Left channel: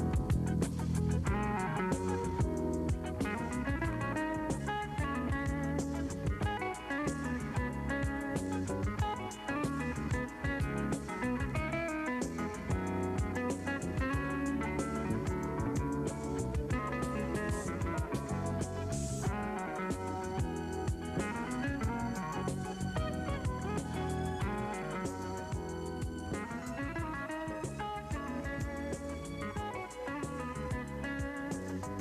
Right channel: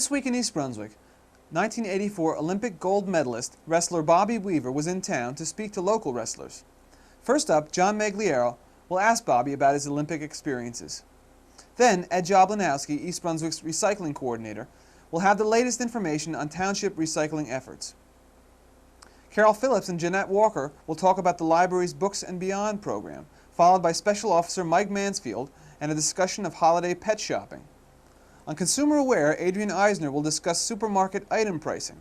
This week in East Brunswick, 1984 Olympic gold medalist wrestler Bobby Weaver was in town to speak to local wrestlers. First up, John Magliero will ask Bobby about his Olympic experiences. Then, Ed Jablanowski, East Brunswick's recycling coordinator, will have the latest information on township recycling efforts. Carol Phillips and Jeanette Walker will talk about the library's Books and Beyond program, followed by Special Officer Mike Mansfield and a discussion of holiday pet shopping. On Consumer Aware, Adrian Eisner will discuss supermarket item pricing.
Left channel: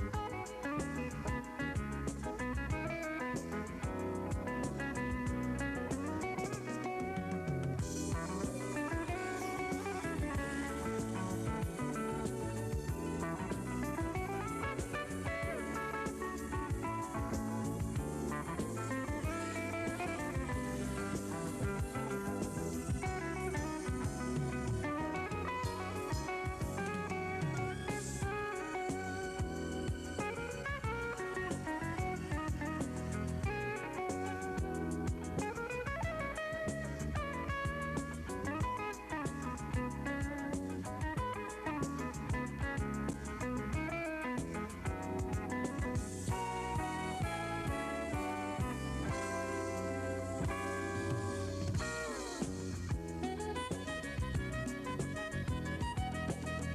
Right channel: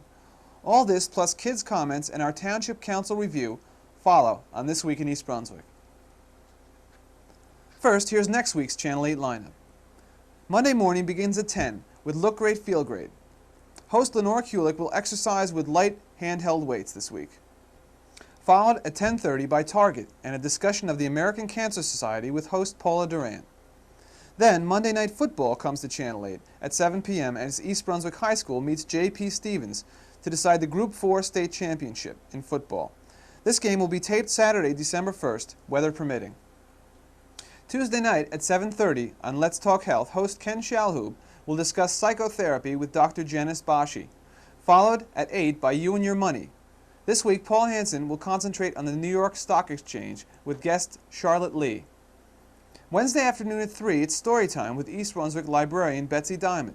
All this plus kids' comments and our Township Council review follow on This Week in East Brunswick. First, here's next week's Channel 8 lineup. Monday morning begins at 10 with Look Great, Feel Great. Host Lenore Kulik will exercise with light handheld weights this week. Followed at 10:30 by Target and a discussion of the American Cancer Society with host Paula Duran. Then, Monday Night Football comes to Channel 8 at 7 p.m. as East Brunswick High School meets J.P. Stevens to decide the Group 4 state championship in football. This game will be taped Saturday, December 1st, weather permitting. Tuesday night at 7:30 on Let's Talk Health, host Ken Shalhoub will discuss psychotherapy with Dr. Janice Bashi, followed at 8 by You and Your Money. This week, Paul Hansen will concentrate on the New York Stock Exchange with guest Charlotte Lee. Wednesday afternoon at 3, it's story time with East Brunswick librarian Betsy Diamond.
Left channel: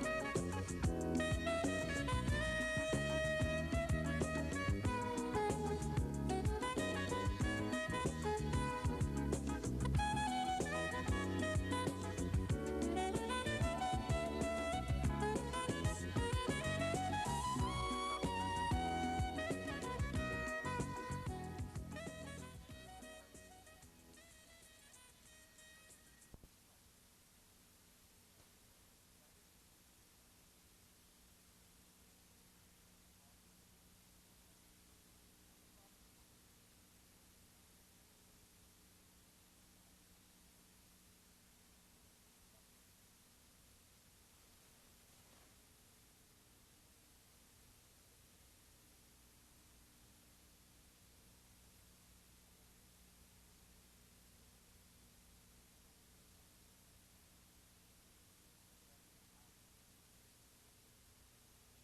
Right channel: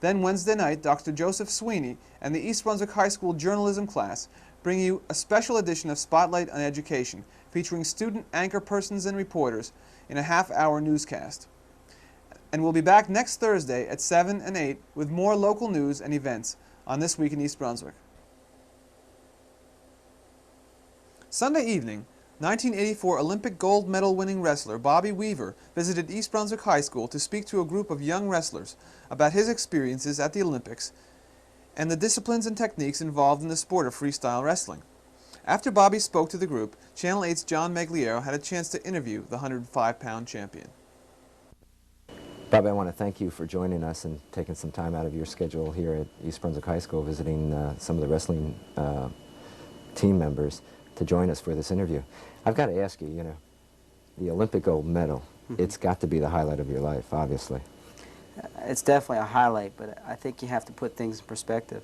Then Wednesday night, Dr. Joseph Sweeney and the East Brunswick High School journalism class bring you a special edition of Spotlight on Education featuring student anchor persons and reporters in a half-hour newscast. And we'll be back next Thursday at 7 and 8 with more local news and events on This Week in East Brunswick. Sunday evening, 1984 Olympic gold medal winning wrestler Bobby Weaver visited East Brunswick High School to speak to a group of young wrestlers about his experiences at the Olympics and the disciplines and techniques involved in the sport of freestyle wrestling. After Bobby spoke to the group, Channel 8's John Magliero had a chance to interview the 105-pound champion. Bobby, I want to thank you for joining us and taking some time out of your schedule here at East Brunswick High School, visiting some of the wrestling team members to join us for this interview. I've got to ask you, you know, the Olympic gold medal, it's got to be the highlight of your life, obviously. It's definitely a highlight, but I think you have to put things in perspective.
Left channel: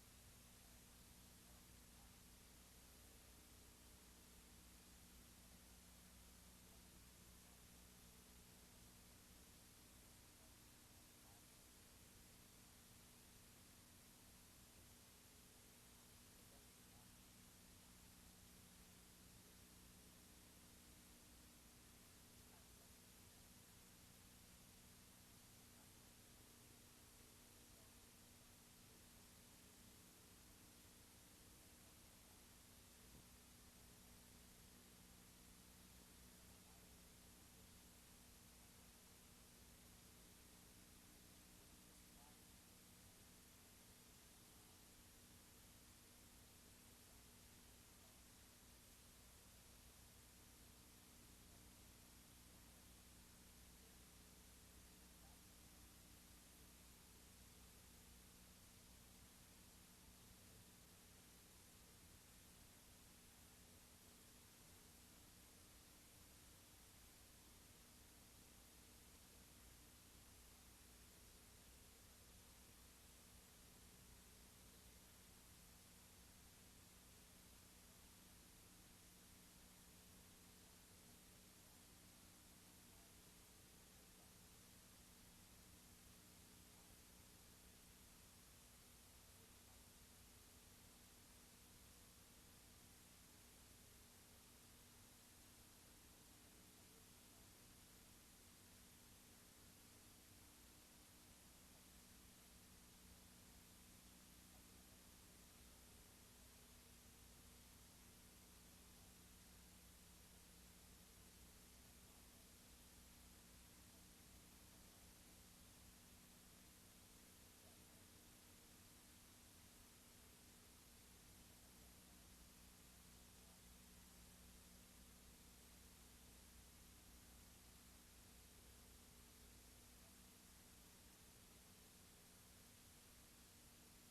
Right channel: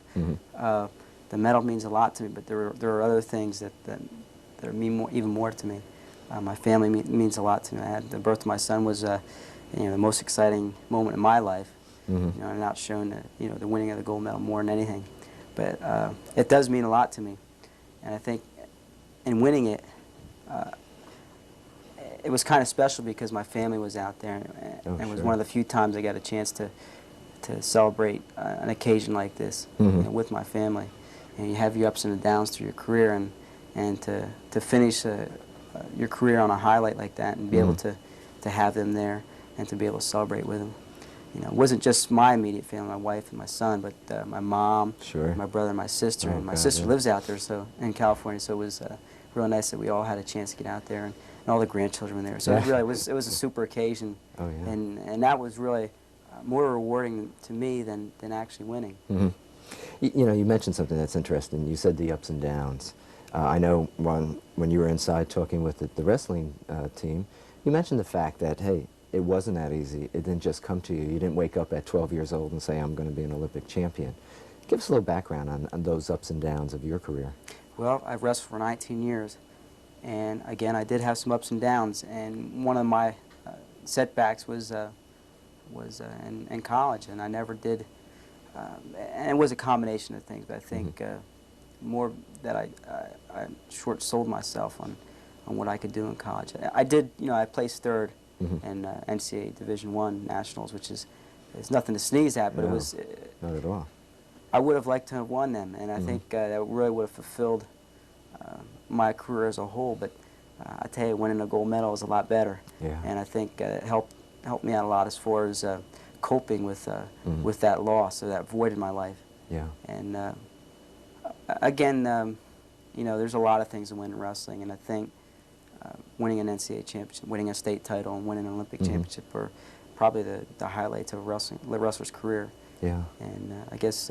The medal means a lot to me, but there are other things that mean even more to me. My family means a lot to me. The birth of my son was you know, the most exciting moment in my life. You know, I'm not shown the winning of the gold medal more than anything, but it does mean a lot to me, and I think in winning it, it was kind of special because my family was out there, and it was one of the few times I got a chance to celebrate an occasion like this you know, with my family. And you have your ups and downs through your career, and to finish your career on a highlight like that and be able to have them there and to be able to celebrate with them. You know, it wasn't just my immediate family, my wife and my son, but my mom, my brother and my sister. And my sister lives out there, so in California, so it was real nice that we all had a chance to get out there, and all the grandchildren were there. So it was a super occasion, and that was really more rewarding to me than actually winning. You know, you mentioned something that's interesting. You said the ups and downs. I know when you were inside talking with the wrestling team, you mentioned the fact that, hey, it wasn't that easy. It didn't just come to you. You didn't wake up at 12 years old and say, I'm going to be an Olympic champion. Give us a little background on those ups and downs of your career. Well, I've wrestled for 19 years, and again, I did have some ups and downs, and one of my setbacks was in college, and I never did, and it was a combination of things, but I think more that I short-sold myself on what I could do in college. I did, you know, I placed third in NCAA Division I Nationals, which is nothing to sneeze at, but it was... not at all. I would have liked to have won them, and I think that really would have fulfilled my career as a whole, but I tell you, winning a gold medal is a lot better, and I think it helped me out a lot as far as coping with that loss or that void in my life. And again, you know, there's a lot of things to win in wrestling, and I think winning an NCAA championship, winning a state title, and winning an Olympic championship are probably the highlights of the wrestler's career. And I guess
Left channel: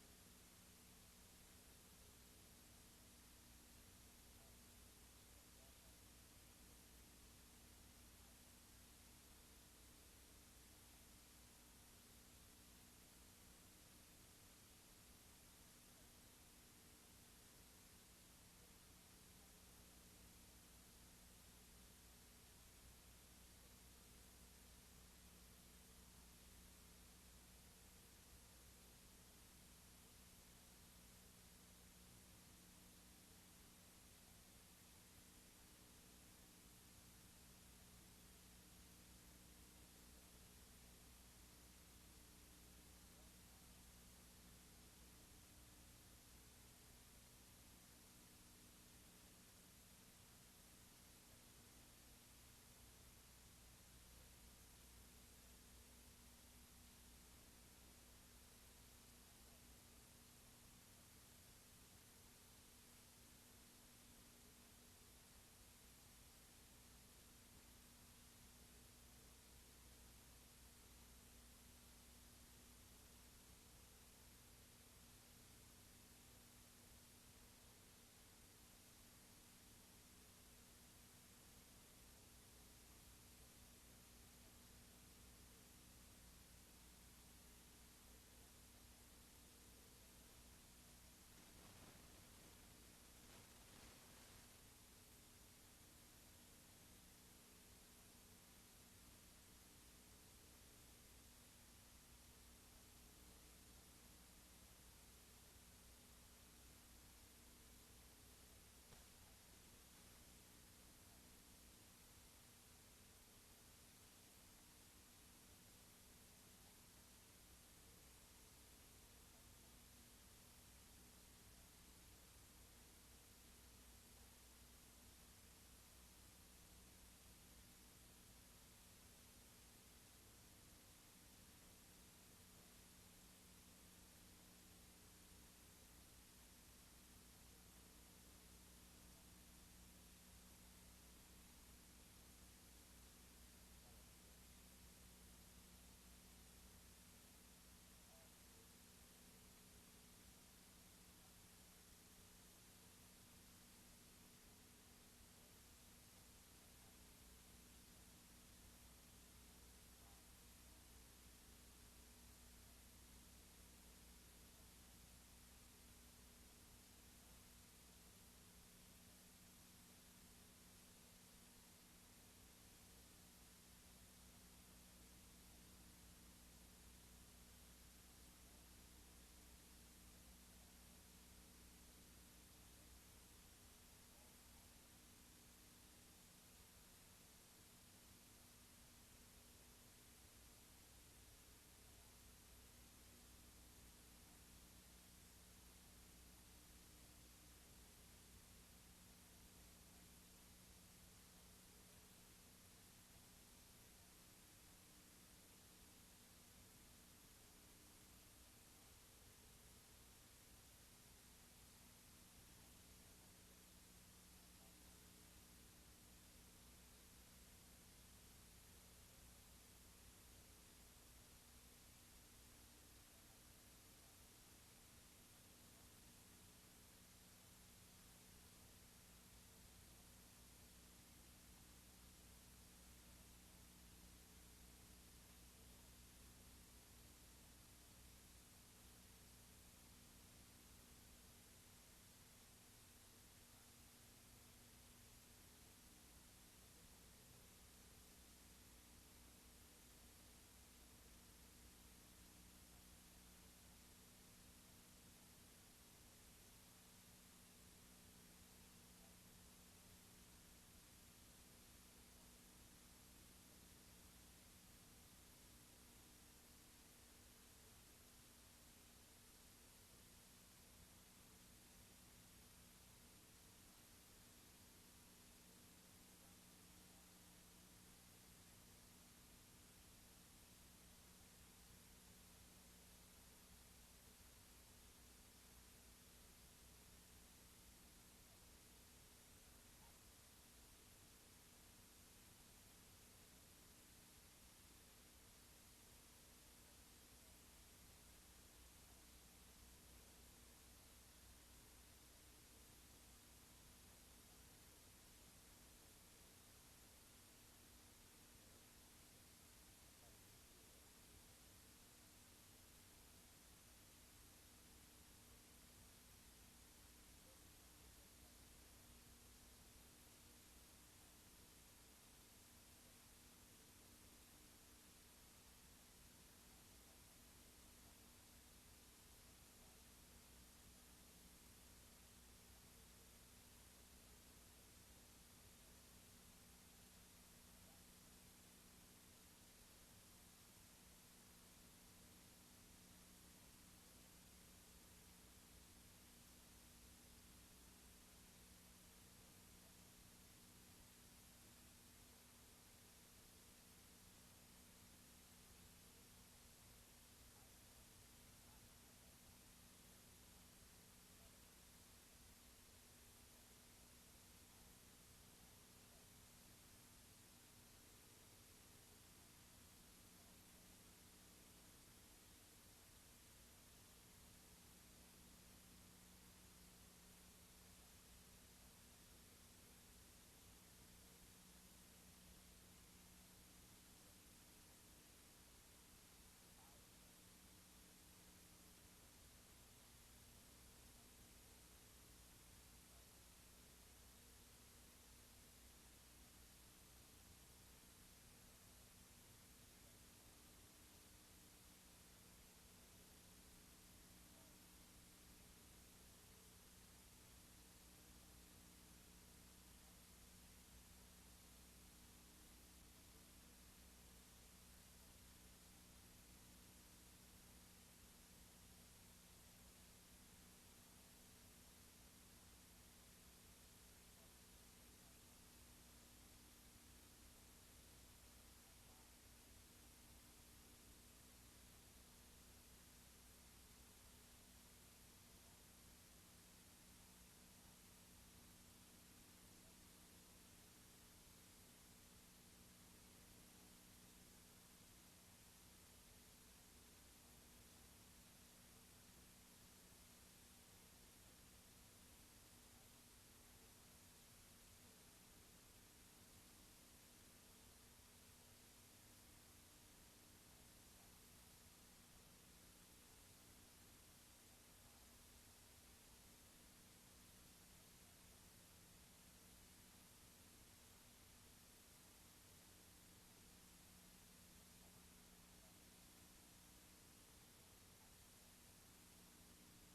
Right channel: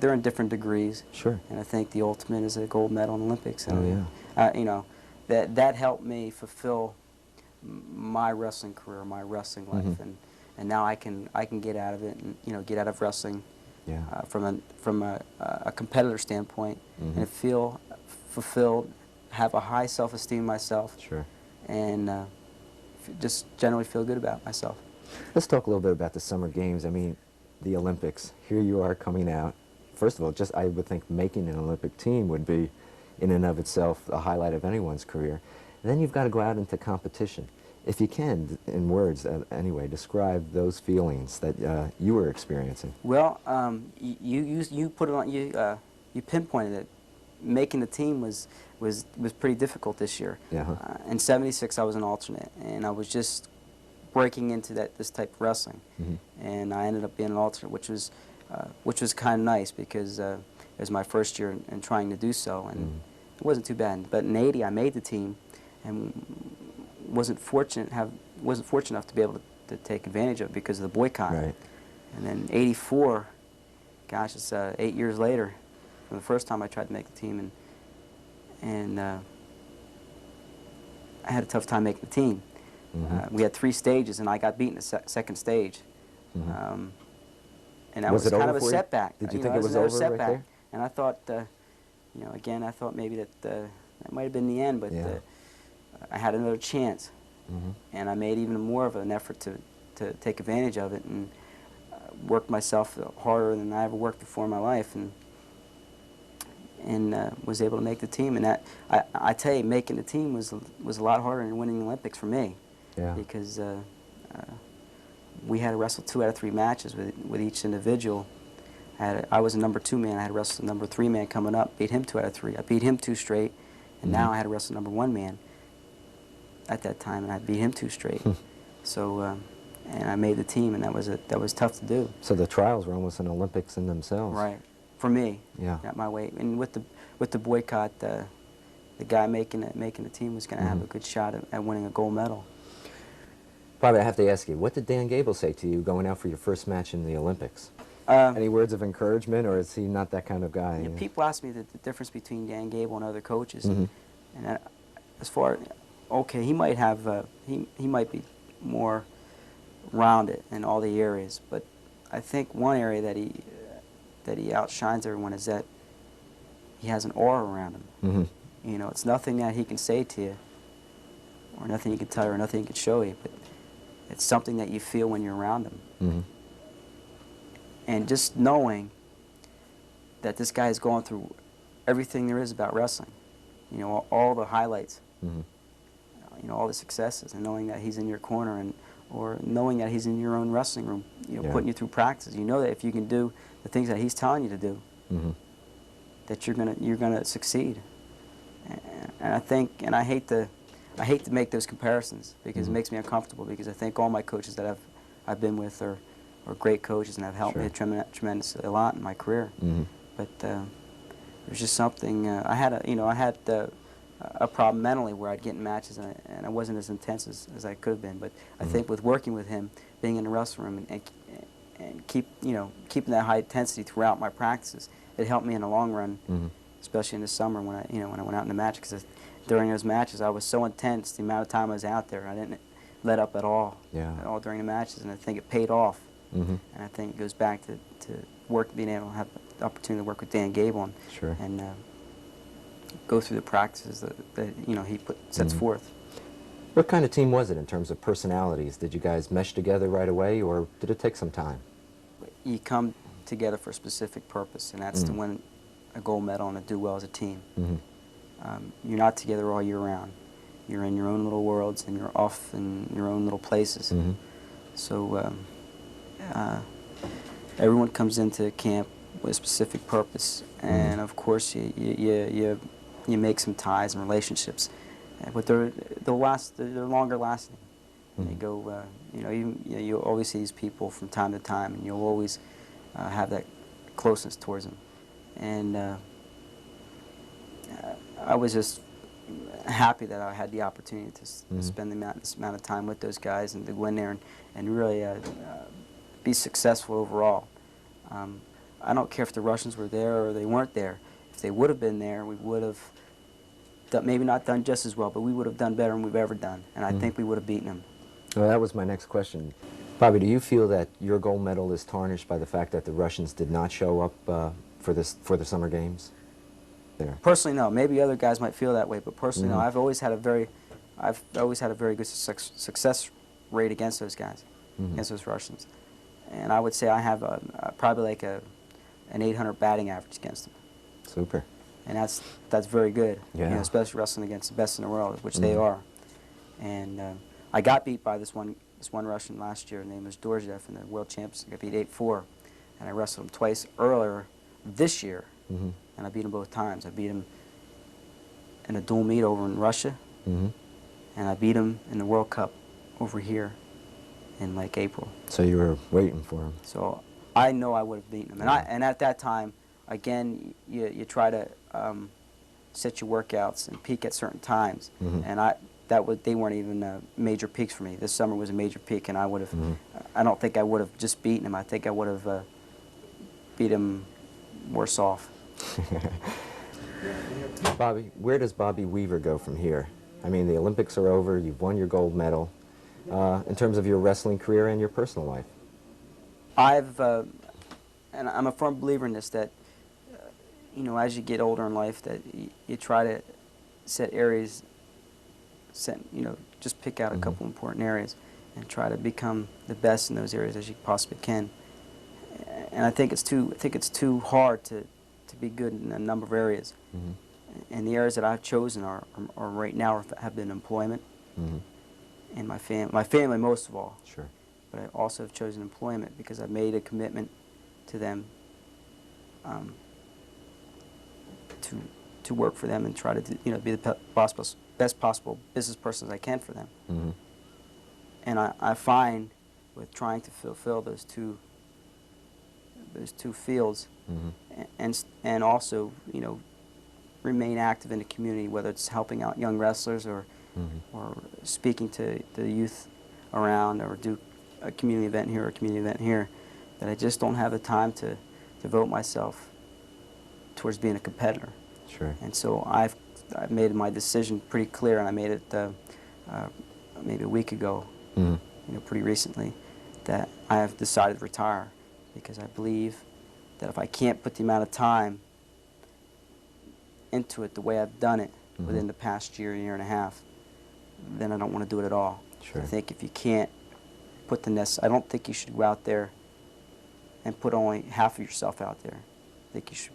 they're in different degrees. And I think the ultimate is a gold medal in Olympics. And, you know, that helped me fulfill my wrestling career, my wrestling life, and now I can get out of it and, you know, get out of wrestling Yeah. from a competitor standpoint, and feel fulfilled, have a high self-esteem in myself, Sure. and just generally feel good about myself. Let's talk a little bit about the Summer Games. I mean, the Olympics. Here you are coming out. First of all, just I would think making an Olympic team would be, in and of itself, a highlight of anyone's career. And then you've got to go out into competition. If you can, in words anyway, describe those feelings that you were experiencing. Well, you put it on you pinpointed it. Making the team was pretty difficult this year. Yeah. In '76, I was an alternate, and I was just breaking into this type of wrestling, and I ended up being an alternate, which was kind of nice because it was my first year in trying to do so, and it wasn't too bad. But in '80, I made the team, and wasn't fortunate enough to be able to take advantage of it because of the boycott. Right. And then '84, gosh, it's 8 years later from the first time I tried to make the team, and I had a tough time making the team. We had 3 stages, and I got beaten the second stage. And that was kind of a setback. Did you think it was over right there? And I thought, again, I thought maybe that might have been the end, but I had another chance, and I made even more of an effort to take advantage of it, and worked myself harder than I ever worked before in my life, and was able to make the team. And that I tell you, making the team was a lot harder than winning the Olympics for me, because we had to wrestle 2 out of 3 matches with each individual. I was a number 2 man. I had to wrestle the number 3 man coming up, beat him 2 out of 3. I beat him 2 straight, and now I had to wrestle number 1 man at that time, and I beat him 2 straight. So, and I made the team, and that was tough to do. So the trials were almost an Olympics in themselves. Right, for me. Yeah. Not my weight. And with the boycott, the guy making the team was going to have a good shot at winning a gold medal. Bobby, I have to ask you, what did Dan Gable say to you going out for your first match in the Olympics? Any words of encouragement, or is he not that kind of guy? Yeah, people ask me the difference between Dan Gable and other coaches, and as far, okay, he might have he might be more rounded in all the areas, but I think one area that he outshines everyone is that he has an aura around him. You know, it's nothing that he can say to you, or nothing he can tell you, or nothing he can show you, but it's something that you feel when you're around him. And just knowing that this guy is going through everything there is about wrestling, you know, all the highlights, you know, all the successes, and knowing that he's in your corner, or knowing that he's in your own wrestling room, you know, putting you through practice. You know that if you can do the things that he's telling you to do, that you're gonna succeed. And I think, and I hate to make those comparisons because it makes me uncomfortable, because I think all my coaches that I've been with are great coaches and have helped me tremendously a lot in my career. But there's just something. I had a problem mentally where I'd get in matches and I wasn't as intense as I could have been. But I think with working with him, being in the wrestling room and keeping that high intensity throughout my practices, it helped me in the long run, especially in the summer when I went out in the match, because during those matches I was so intense. The amount of time I was out there, I didn't let up at all during the matches, and I think it paid off. And I think it goes back to being able to have the opportunity to work with Dan Gable and go through the practices that he sets forth. What kind of team was it in terms of personalities? Did you guys mesh together right away, or did it take some time? You come together for a specific purpose, and that's to win a gold medal and to do well as a team. You're not together all year round. You're in your own little worlds, and you're off in your own little places. So everyone comes into camp with a specific purpose, and of course you make some ties and relationships, but they're longer lasting. They go, you always see these people from time to time, and you'll always have that closeness towards them. And I was just happy that I had the opportunity to spend this amount of time with those guys and to go in there and really be successful overall. I don't care if the Russians were there or they weren't there. If they would have been there, we would have maybe not done just as well, but we would have done better than we've ever done, and I think we would have beaten them. Well, that was my next question. Bobby, do you feel that your gold medal is tarnished by the fact that the Russians did not show up for the summer games? There. Personally, no. Maybe other guys might feel that way, but personally, no. I've always had a very good success rate against those guys, against those Russians, and I would say I have probably like an 800 batting average against them. Super. And that's very good. Yeah. You know, especially wrestling against the best in the world, which they are. And I got beat by this one Russian last year. His name was Dorjev in the World Champs. I got beat 8-4, and I wrestled him twice earlier this year, and I beat him both times. I beat him in a dual meet over in Russia, and I beat him in the World Cup over here in like April. So you were waiting for him. So I know I would have beaten him, and at that time, again, you try to set your workouts and peak at certain times, and they weren't even major peaks for me. This summer was a major peak, and I would have. I don't think I would have just beaten him. I think I would have beat him worse off. Bobby, where does Bobby Weaver go from here? I mean, the Olympics are over. You've won your gold medal. In terms of your wrestling career and your personal life, and I'm a firm believer in this, that you know, as you get older in life, that you try to set areas. You know, just pick out a couple important areas and try to become the best in those areas as you possibly can. And I think it's too hard to be good in a number of areas. And the areas that I've chosen are right now have been employment and my family most of all. Sure. But I also have chosen employment because I've made a commitment to them to work for them and try to be the best possible business person as I can for them. And I find with trying to fulfill those two fields and also remain active in the community, whether it's helping out young wrestlers or speaking to the youth around, or do a community event here or a community event here, that I just don't have the time to devote myself towards being a competitor. Sure. And so I've made my decision pretty clear, and I made it maybe a week ago, pretty recently, that I have decided to retire, because I believe that if I can't put the amount of time into it the way I've done it within the past year and a half, then I don't want to do it at all. Sure. I think if you can't put I don't think you should go out there and put only half of yourself out there. I think you should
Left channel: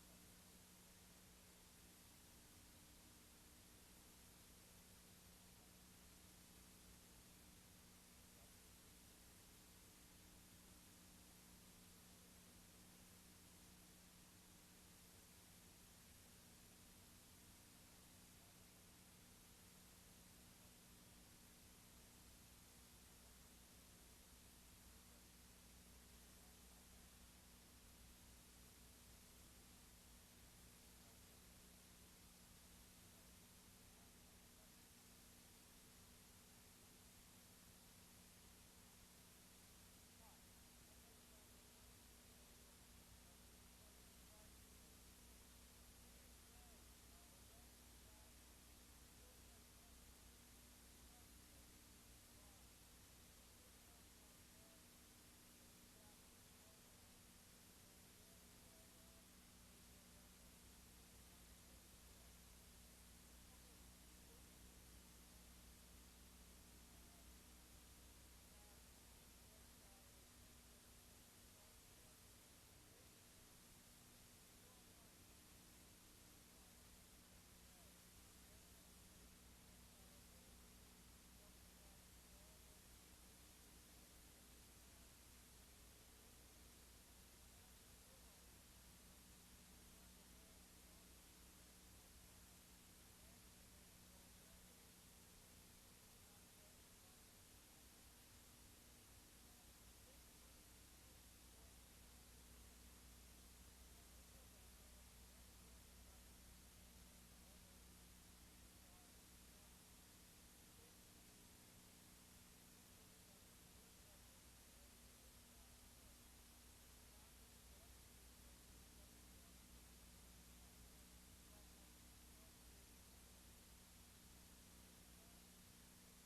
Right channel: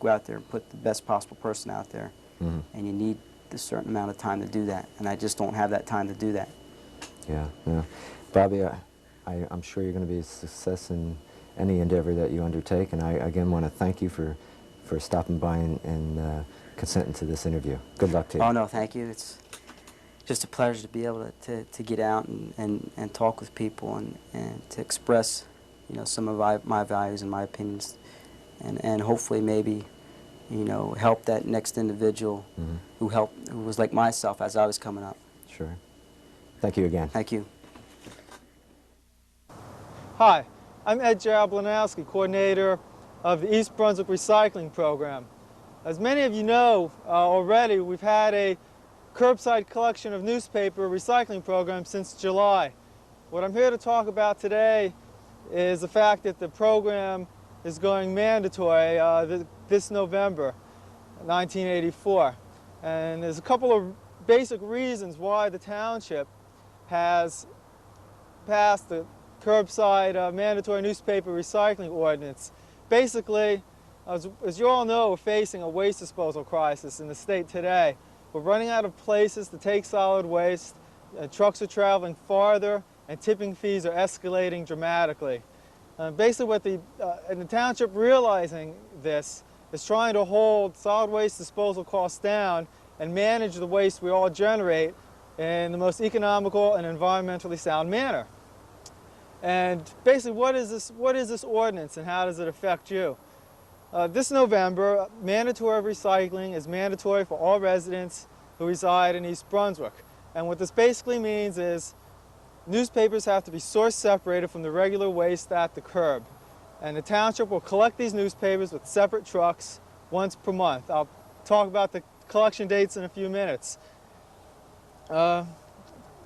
go out there and put the best possible person out there, and you need a certain amount of time to do that, and I just don't have that time to do that. Yeah, yeah. Bobby, I'm sure you're going to be a success in any endeavor that you undertake, and I again want to thank you for stopping by and consenting to this interview. Good luck to you. Oh, no, thank you. It's just a pleasure to be able to get out and talk with people and to express some of my values and my opinions, and hopefully maybe help that next individual who was like myself as I was coming up. Sure. Thank you again. Thank you. Hi, I'm Ed Jablanowski, coordinator of the East Brunswick Recycling Program. As many of you know already, we've had a curbside collection of newspaper recycling program since July. What I'm here to talk about today is the fact that the program is going mandatory this November, 1984. And there's a couple of basic reasons why the township has passed the curbside mandatory newspaper recycling ordinance. Basically, as you all know, we're facing a waste disposal crisis in the state today. We're running out of places to take solid waste, trucks are traveling farther, and tipping fees are escalating dramatically. Basically what the township, realizing this, is trying to hold solid waste disposal costs down and manage the waste we all generate in the most economical and environmentally sound manner. And basically, what is this ordinance and how does it affect you? This November, mandatory recycling is mandatory for all residents who reside in East Brunswick. And what this basically means is newspapers have to be source separated from the regular waste at the curb. And the township will collect these newspapers with separate trucks once per month. I'll talk about the collection dates in a few minutes.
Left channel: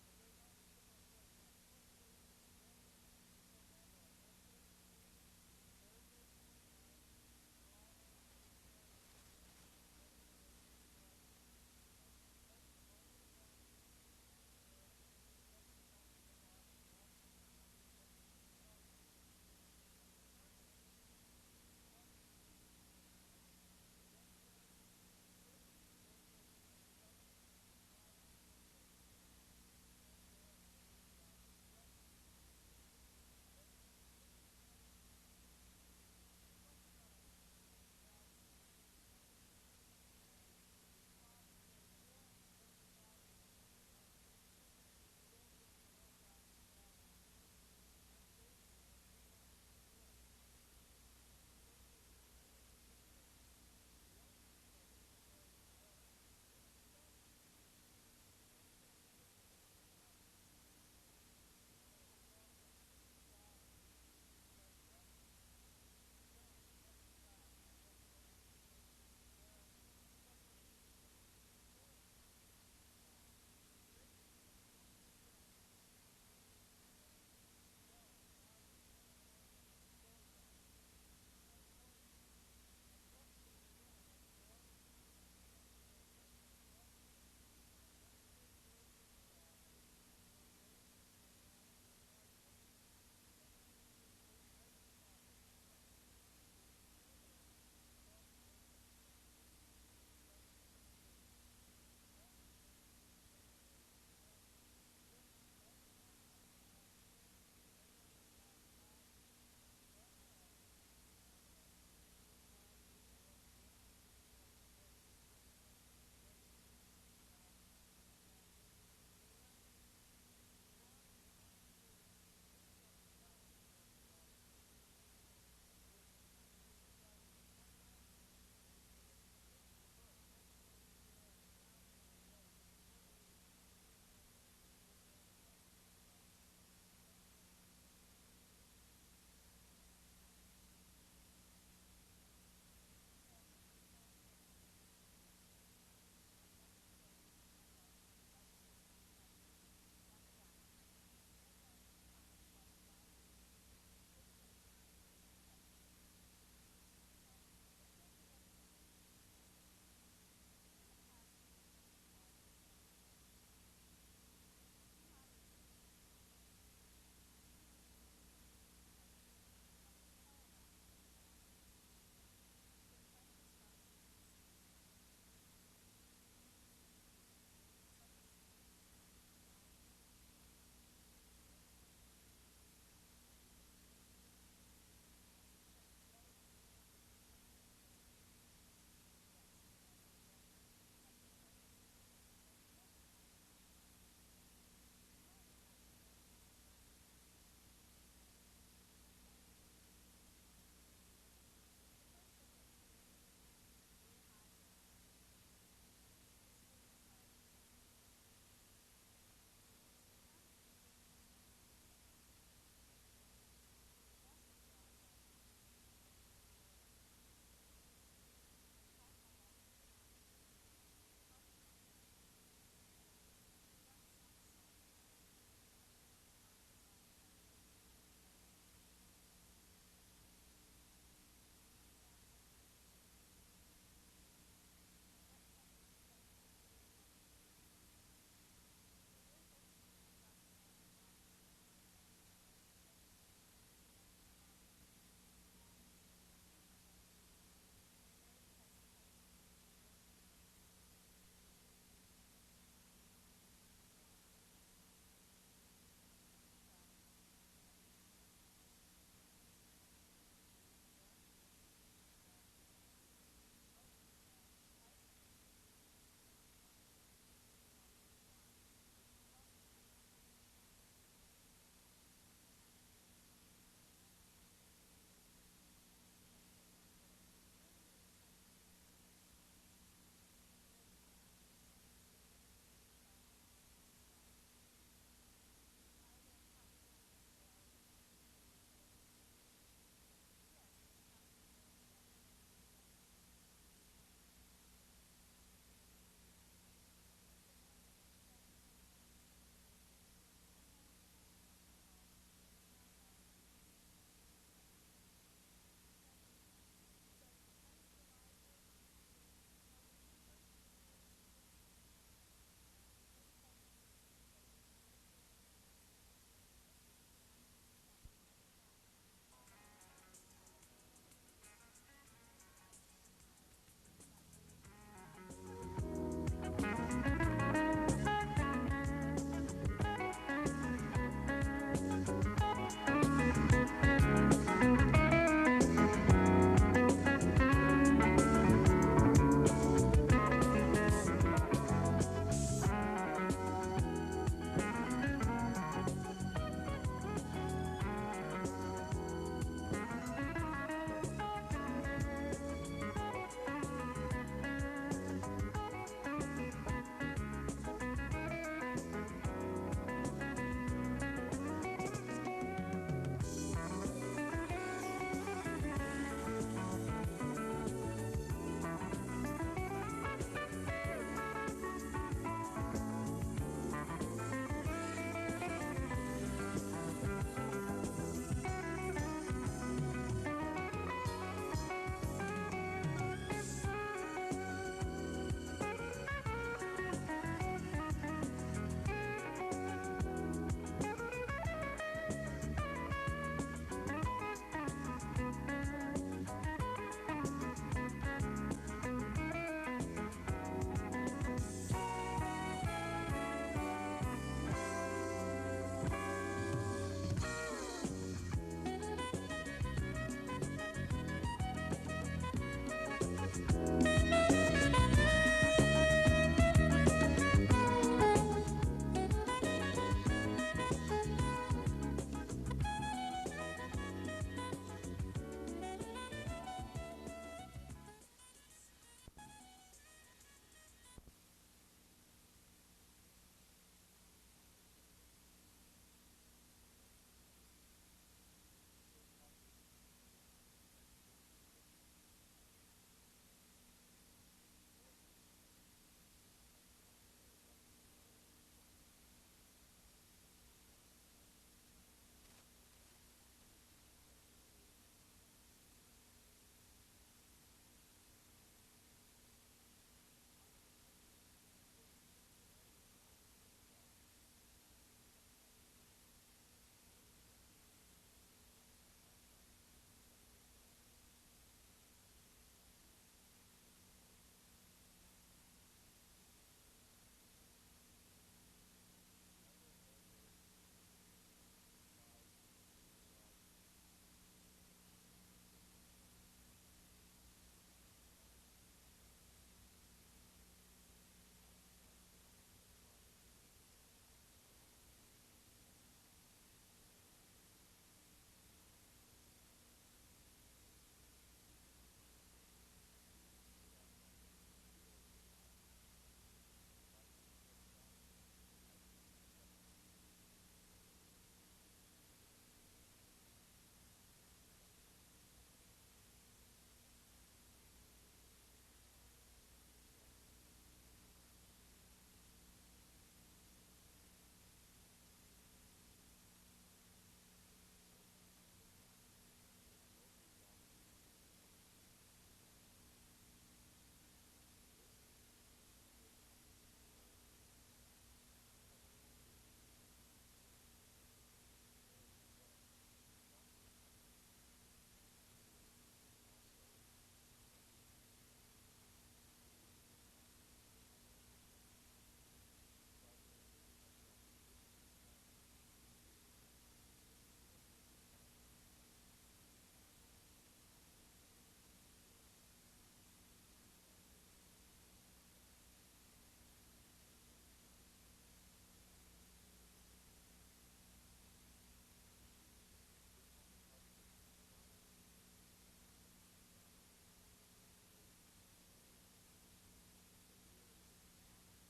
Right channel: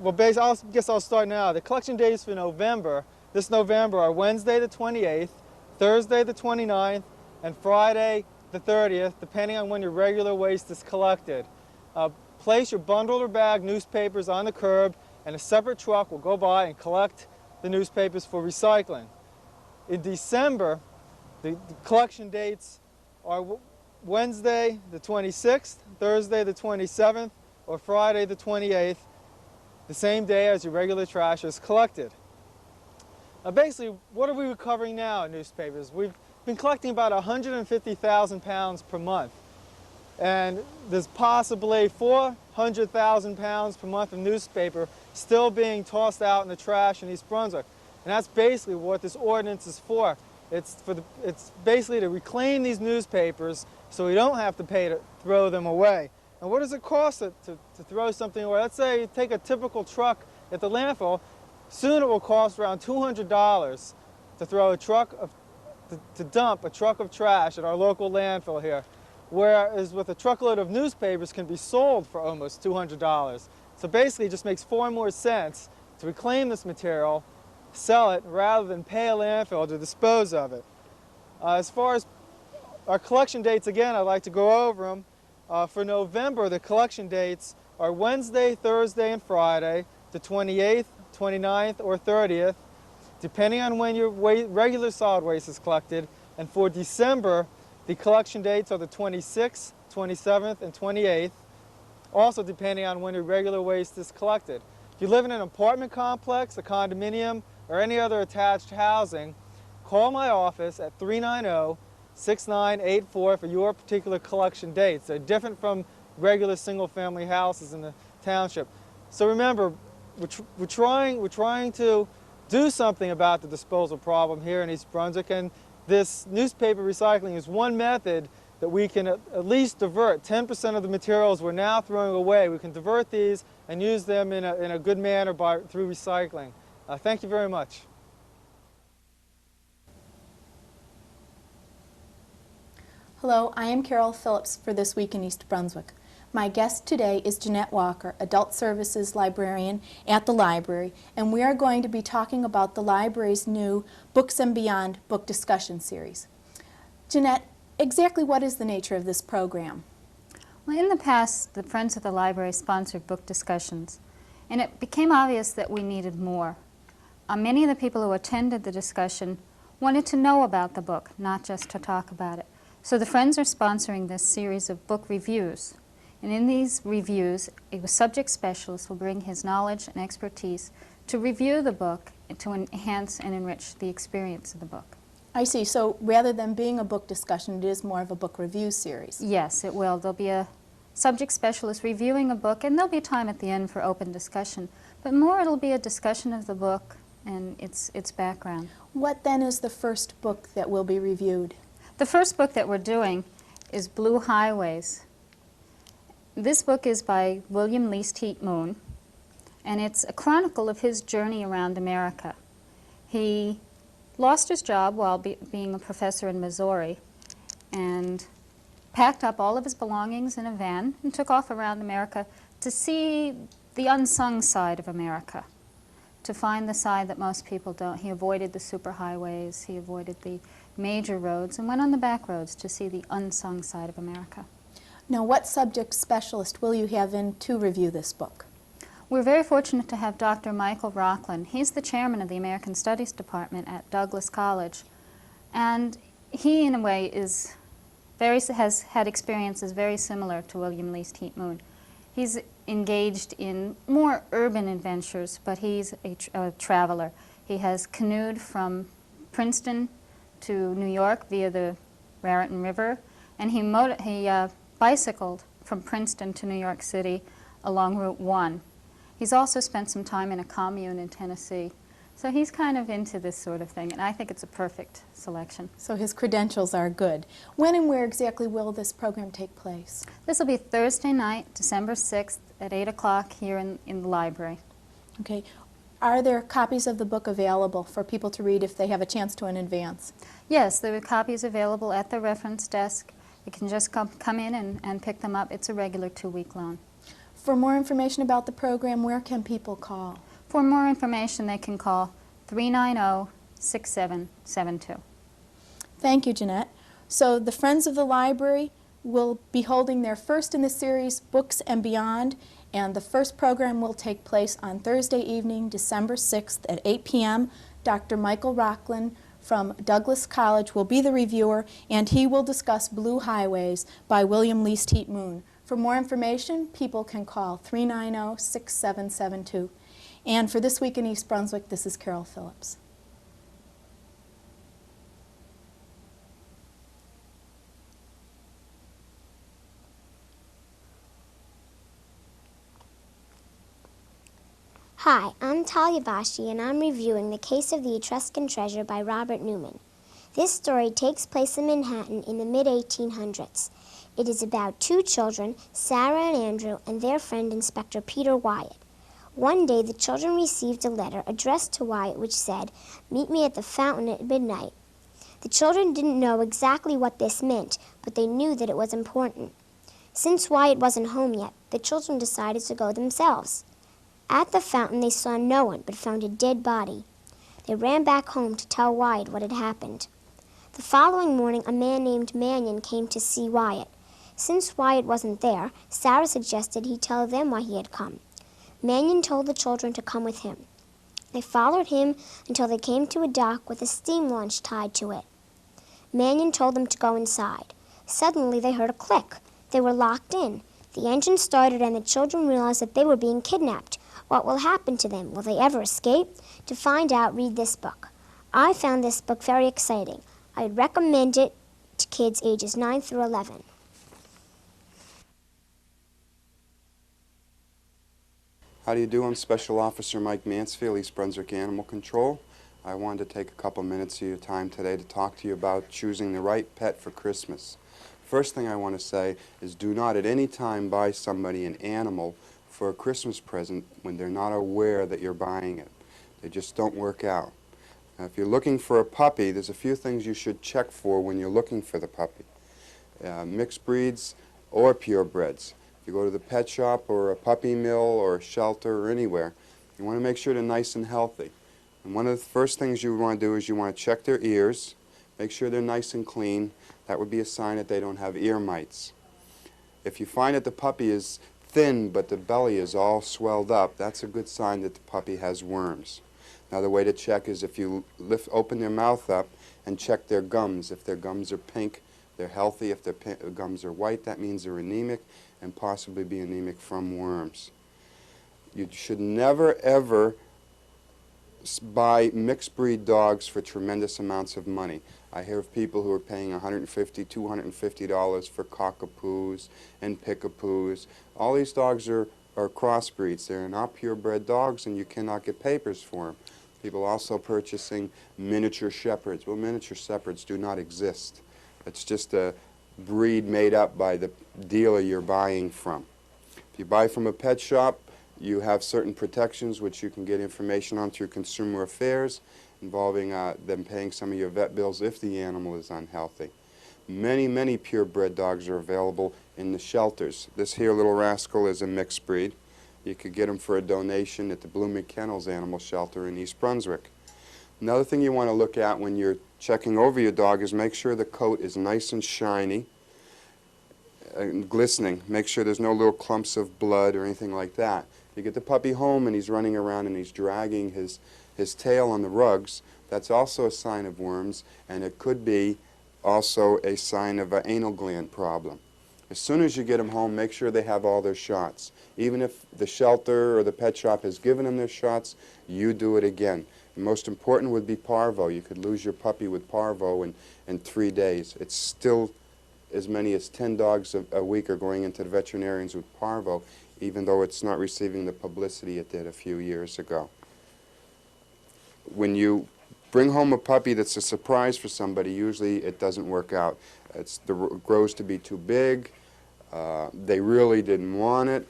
well, I guess I'll start now. The collection dates for November, this November, are Wednesday the 28th, Thursday the 29th, and Friday the 30th, depending on when your regular waste is collected. Place your bundled or bagged newspapers on the curb, and a separate truck will go by and collect the newspapers for recycling. In December, the collection dates are Wednesday the 26th, Thursday the 27th, or Friday the 28th, the same day as your regular trash is collected. Now basically, what are we recovering now in newspapers? We've been collecting about 150,000 pounds per month. And there's possibly 400,000 pounds per month of newspaper still being tossed out in the trash in East Brunswick. And that's basically what this ordinance is for. It's basically to reclaim these newspapers so we don't have to pay to throw them away. And what does it cost to throw something away? Let's say you take a typical truck at the landfill. Soon it will cost around $200 to throw a truck to dump a truck of trash at our local landfill here. Whereas with a truckload of newspapers can be sold for almost $200. So basically it just makes far more sense to reclaim this material, sell it, rather than pay a landfill to dispose of it. As far as our collection dates, again, I'd like to go over them. For November, the collection dates are Wednesday, Thursday, and Friday, the 28th, 29th, or 30th, depending on when your regular solid waste is collected. And for December, the collection dates are the 26th, 27th, and 28th, also depending on when your regular waste is collected. If you live in an apartment complex, a condominium, or any other attached housing, call my office at 390-6984 for your particular collection dates. They're different from regular single-family houses in the township. So remember, we're trying to do something about the disposal problem here in East Brunswick, and this newspaper recycling is one method that we can at least divert 10% of the materials we're now throwing away. We can divert these and use them in a good manner through recycling. Thank you very much. Hello, I am Carol Phillips for This Week in East Brunswick. My guest today is Jeanette Walker, Adult Services Librarian at the library, and we are going to be talking about the library's new Books and Beyond book discussion series. Jeanette, exactly what is the nature of this program? Well, in the past, the Friends of the Library sponsored book discussions, and it became obvious that we needed more. Many of the people who attended the discussion wanted to know about the book, not just to talk about it. So the Friends are sponsoring this series of book reviews. And in these reviews, a subject specialist will bring his knowledge and expertise to review the book and to enhance and enrich the experience of the book. I see. So rather than being a book discussion, it is more of a book review series. Yes, it will. There'll be a subject specialist reviewing a book, and there'll be time at the end for open discussion. But more, it'll be a discussion of the book and its background. What then is the first book that will be reviewed? The first book that we're doing is Blue Highways. This book is by William Least Heat Moon, and it's a chronicle of his journey around America. He lost his job while being a professor in Missouri and packed up all of his belongings in a van and took off around America to see the unsung side of America, to find the side that most people don't. He avoided the superhighways, he avoided the major roads, and went on the back roads to see the unsung side of America. Now, what subject specialist will you have in to review this book? We're very fortunate to have Dr. Michael Rockland. He's the chairman of the American Studies Department at Douglas College, and he, in a way, has had experiences very similar to William Least Heat Moon. He's engaged in more urban adventures, but he's a traveler. He has canoed from Princeton to New York via the Raritan River, and he bicycled from Princeton to New York City along Route 1. He's also spent some time in a commune in Tennessee. So he's kind of into this sort of thing, and I think it's a perfect selection. So his credentials are good. When and where exactly will this program take place? This will be Thursday night, December 6th at 8 o'clock here in the library. Okay. Are there copies of the book available for people to read if they have a chance to in advance? Yes, there are copies available at the reference desk. You can just come in and pick them up. It's a regular 2-week loan. For more information about the program, where can people call? For more information, they can call 390-6772. Thank you, Jeanette. So the Friends of the Library will be holding their first in the series, Books and Beyond, and the first program will take place on Thursday evening, December 6th at 8 p.m. Dr. Michael Rocklin from Douglas College will be the reviewer, and he will discuss Blue Highways by William Least Heat Moon. For more information, people can call 390-6772. And for This Week in East Brunswick, this is Carol Phillips. Hi, I'm Talia Bashi, and I'm reviewing The Case of the Etruscan Treasure by Robert Newman. This story takes place in Manhattan in the mid-1800s. It is about two children, Sarah and Andrew, and their friend Inspector Peter Wyatt. One day, the children received a letter addressed to Wyatt which said, "Meet me at the fountain at midnight." The children didn't know exactly what this meant, but they knew that it was important. Since Wyatt wasn't home yet, the children decided to go themselves. At the fountain, they saw no one, but found a dead body. They ran back home to tell Wyatt what had happened. The following morning, a man named Mannion came to see Wyatt. Since Wyatt wasn't there, Sarah suggested he tell them why he had come. Mannion told the children to come with him. They followed him until they came to a dock with a steam launch tied to it. Mannion told them to go inside. Suddenly, they heard a click. They were locked in. The engine started and the children realized that they were being kidnapped. What will happen to them? Will they ever escape? To find out, read this book. I found this book very exciting. I'd recommend it to kids ages 9 through 11. How do you do? I'm Special Officer Mike Mansfield, East Brunswick Animal Control. I wanted to take a couple minutes of your time today to talk to you about choosing the right pet for Christmas. First thing I want to say is do not at any time buy somebody an animal for a Christmas present when they're not aware that you're buying it. They just don't work out. Now, if you're looking for a puppy, there's a few things you should check for when you're looking for the puppy. Mixed breeds or purebreds. If you go to the pet shop or a puppy mill or a shelter or anywhere, you want to make sure they're nice and healthy. And one of the first things you want to do is you want to check their ears, make sure they're nice and clean. That would be a sign that they don't have ear mites. If you find that the puppy is thin but the belly is all swelled up, that's a good sign that the puppy has worms. Another way to check is if you open their mouth up and check their gums. If their gums are pink, they're healthy. If their gums are white, that means they're anemic and possibly be anemic from worms. You should never ever buy mixed breed dogs for tremendous amounts of money. I hear of people who are paying $150, $250 for cockapoos and pickapoos. All these dogs are crossbreeds. They're not purebred dogs, and you cannot get papers for them. People also purchasing miniature shepherds. Well, miniature shepherds do not exist. It's just a breed made up by the dealer you're buying from. If you buy from a pet shop, you have certain protections which you can get information on through Consumer Affairs, involving them paying some of your vet bills if the animal is unhealthy. Many, many purebred dogs are available in the shelters. This here little rascal is a mixed breed. You could get him for a donation at the Blooming Kennels Animal Shelter in East Brunswick. Another thing you want to look at when you're checking over your dog is make sure the coat is nice and shiny and glistening. Make sure there's no little clumps of blood or anything like that. You get the puppy home and he's running around and he's dragging his tail on the rugs. That's also a sign of worms, and it could be also a sign of an anal gland problem. As soon as you get them home, make sure they have all their shots. Even if the shelter or the pet shop has given them their shots, you do it again. The most important would be parvo. You could lose your puppy with parvo in 3 days. It's still as many as 10 dogs a week are going into the veterinarians with parvo, even though it's not receiving the publicity it did a few years ago. When you bring home a puppy that's a surprise for somebody, usually it doesn't work out. It grows to be too big, they really didn't want it,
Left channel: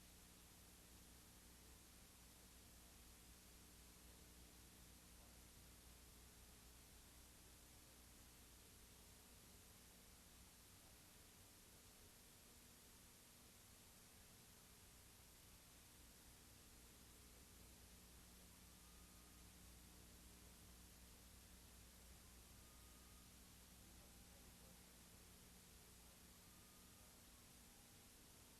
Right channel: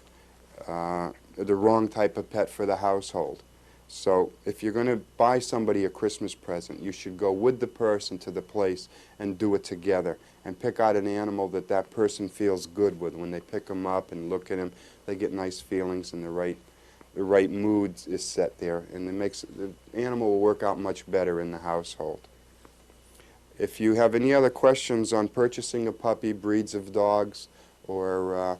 the wrong type of pet for the household. So if you're going to buy somebody a Christmas present, you should go with the person to the place and do it together. and pick out an animal that that person feels good with. When they pick him up and look at him, they get nice feelings and the right mood is set there, and it makes the animal will work out much better in the household. If you have any other questions on purchasing a puppy, breeds of dogs, or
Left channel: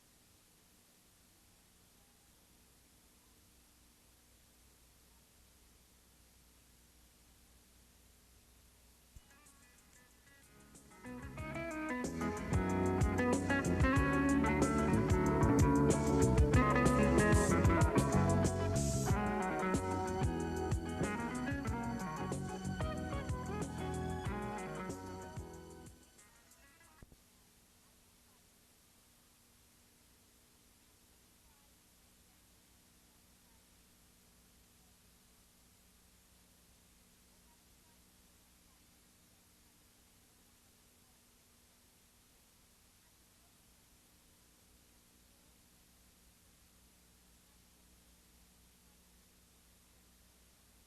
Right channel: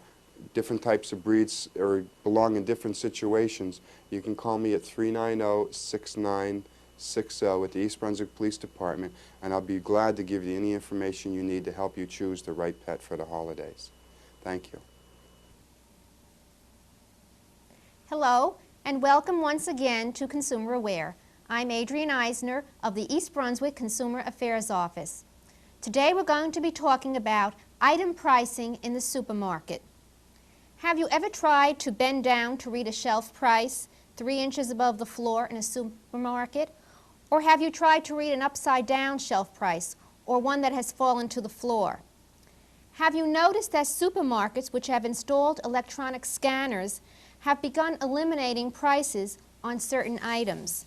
different types of breeds or belong in different situations, you can call me at 390-6960 at the East Brunswick Police Department, and I'll be glad to give you any information you need to help you choose the right pet for the holidays. Thank you. Hello, and welcome once again to Consumer Aware. I'm Adrienne Eisner of the East Brunswick Consumer Affairs Office. Today we're going to be talking about item pricing in the supermarket. Have you ever tried to bend down to read a shelf price 3 inches above the floor in a supermarket? Or have you tried to read an upside-down shelf price, or one that has fallen to the floor? Have you noticed that supermarkets which have installed electronic scanners have begun eliminating prices on certain items?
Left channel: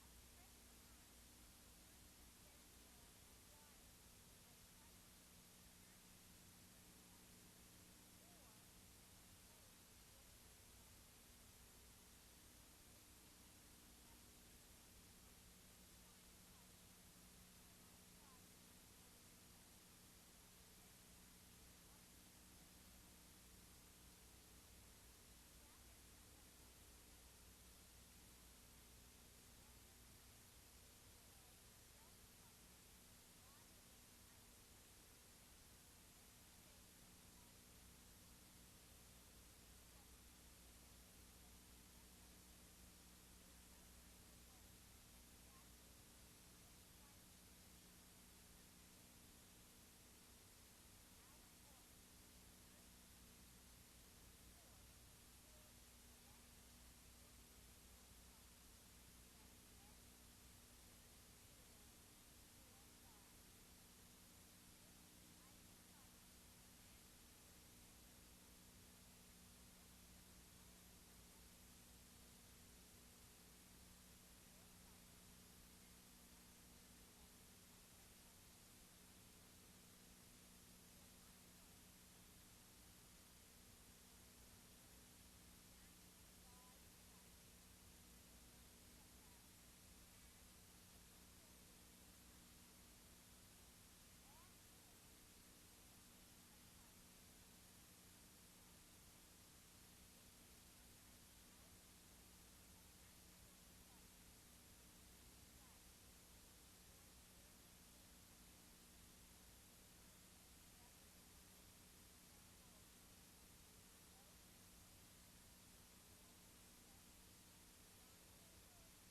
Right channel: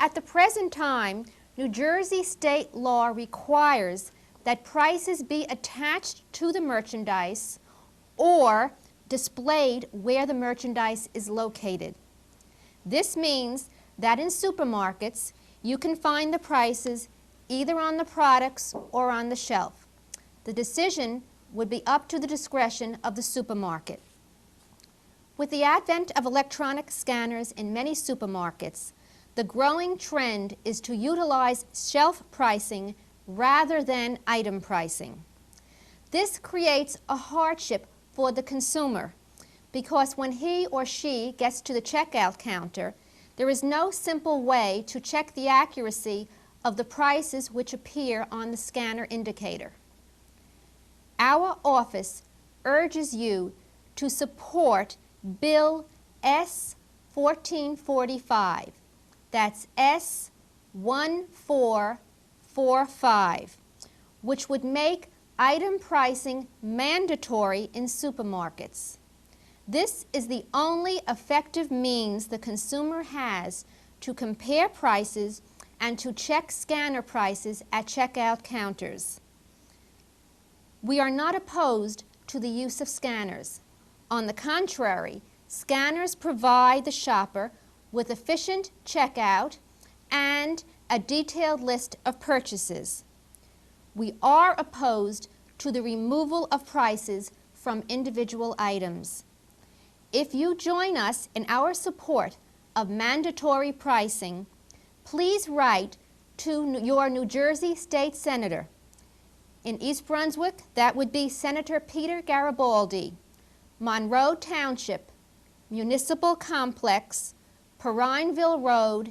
At the present time, New Jersey state law requires that prices be attached to the merchandise or displayed where the merchandise is located. This means that in supermarkets, you can find the prices either on the products or on the shelf. The decision would be up to the discretion of the supermarket. With the advent of electronic scanners in many supermarkets, the growing trend is to utilize shelf pricing rather than item pricing. This creates a hardship for the consumer because when he or she gets to the checkout counter, there is no simple way to check the accuracy of the prices which appear on the scanner indicator. Our office urges you to support Bill S-1445. That's S-1445, which would make item pricing mandatory in supermarkets. This is the only effective means the consumer has to compare prices and to check scanner prices at checkout counters. We are not opposed to the use of scanners. On the contrary, scanners provide the shopper with efficient checkout and a detailed list of purchases. We are opposed to the removal of prices from individual items. If you join us in our support of mandatory pricing, please write to your New Jersey State Senator. In East Brunswick, that would be Senator Peter Garibaldi, Monroe Township, Municipal Complex, Perrineville Road,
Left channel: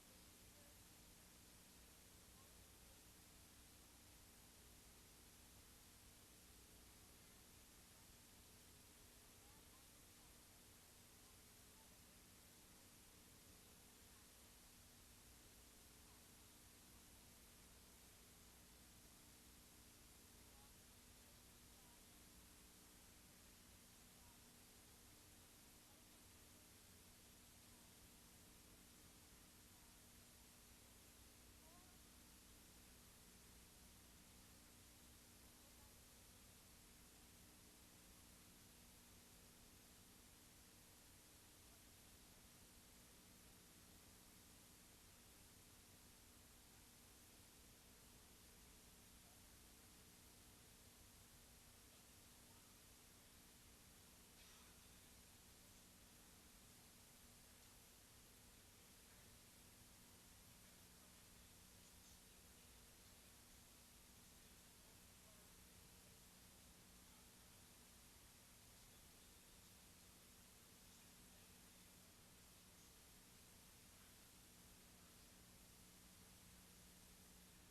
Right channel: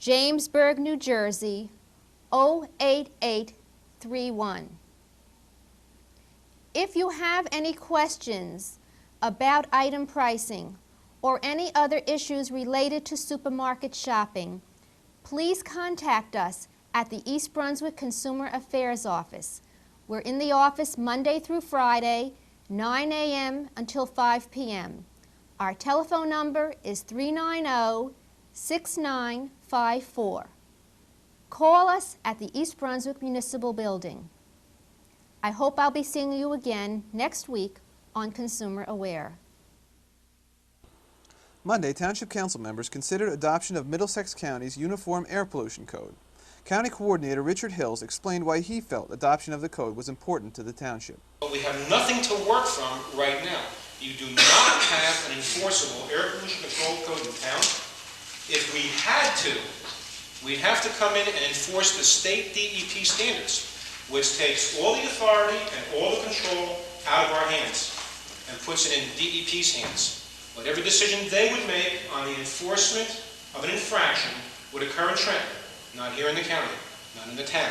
Jamesburg, New Jersey, 08831. If you have any questions about item pricing or any other issues related to supermarket shopping, please contact us at the East Brunswick Consumer Affairs Office. We're in the office Monday through Friday, 9 a.m. until 5 p.m. Our telephone number is 390-6954. Call us at the East Brunswick Municipal Building. I hope I'll be seeing you again next week on Consumer Aware. Monday, Township Council members considered adoption of Middlesex County's Uniform Air Pollution Code. County Coordinator Richard Hills explained why he felt adoption of the code was important to the township. But we have nothing to work from right now. You do not have an enforceable air pollution control code in town. If we had to, we'd have to come in and enforce the state DEP standards, which takes all the authority and all the control out of our hands and puts it in DEP's hands. Whatever decision they would make on the enforcement of an infraction would occur in Trenton, not here in the county, not in the town.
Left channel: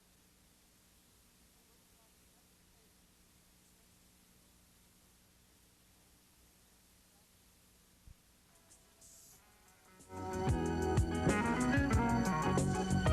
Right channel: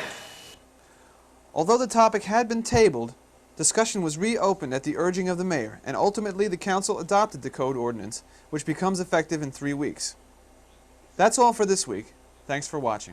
Although the topic had been tabled, discussion was reopened at the urging of the mayor, and ultimately the council adopted the code ordinance, which becomes effective in 3 weeks. That's all for this week. Thanks for watching.